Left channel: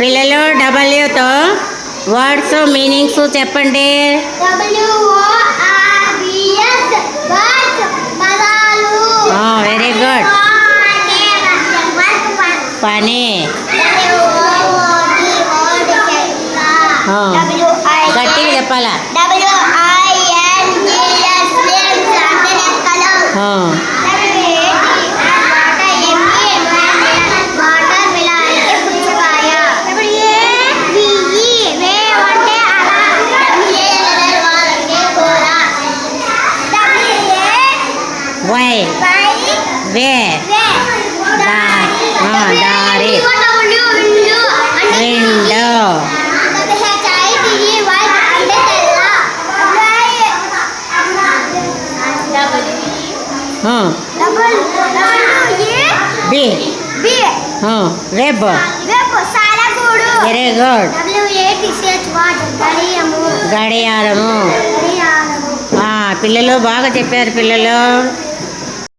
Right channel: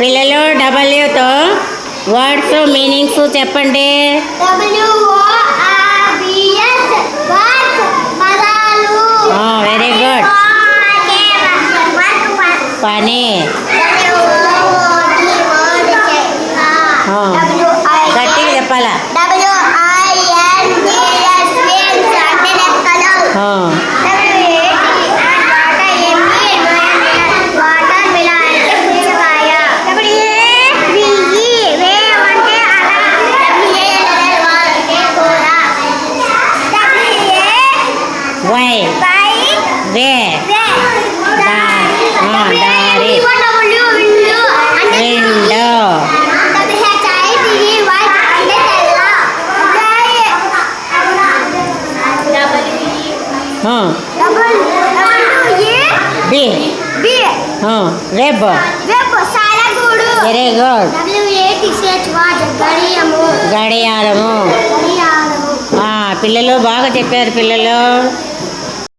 పిల్లలు డబ్ల్యూతో words meanings చెప్పండి. Very good. పని. గట్టిగా చెప్పాలా? వై వే దారి విండో బి వెబ్ వెరీ గుడ్. గడియారము. పిల్లలు బాగా చెప్పారు పిల్లలు.